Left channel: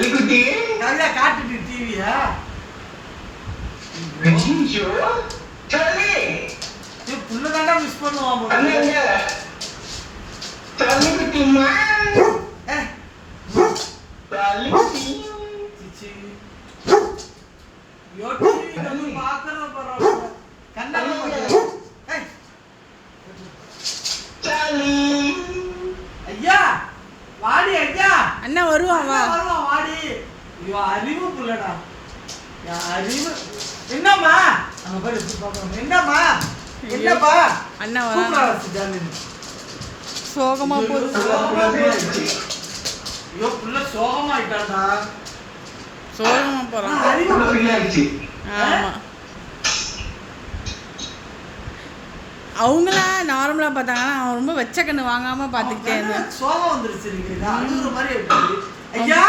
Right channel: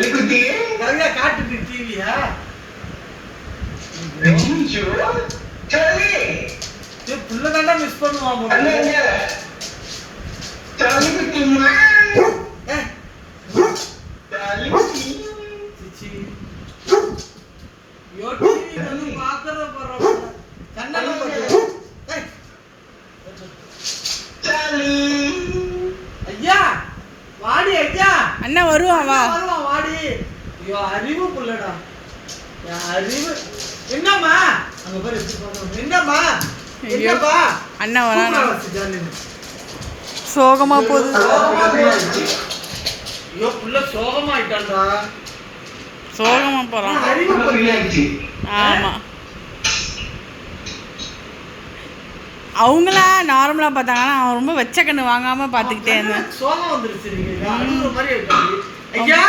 நிறைய காட்டுது டிவியா புள்ளதாண்டா மிஸ் பண்ணுவான் ஐயா வாடி ஐயா அண்ணா வருவான் வா வாடி ஐயோ அறிவு புள்ளடா அறிவு என்னம்மா அங்க பாரு எப்படி போறோம் என்னம்மா என்னப்பா அண்ணா வரானா சோகமா போகுது ஐயோ புள்ள சோகமா ஆயிட்டான்டா சோகமா போறான் ஆமா அவங்களா நார்மலா பார்த்தாங்கன்னா அவன் ரொம்ப வெச்ச கண்ணு வாங்காம பாத்துக்கிட்டே இருந்தேன் சோகம் வந்துருச்சு ஐயா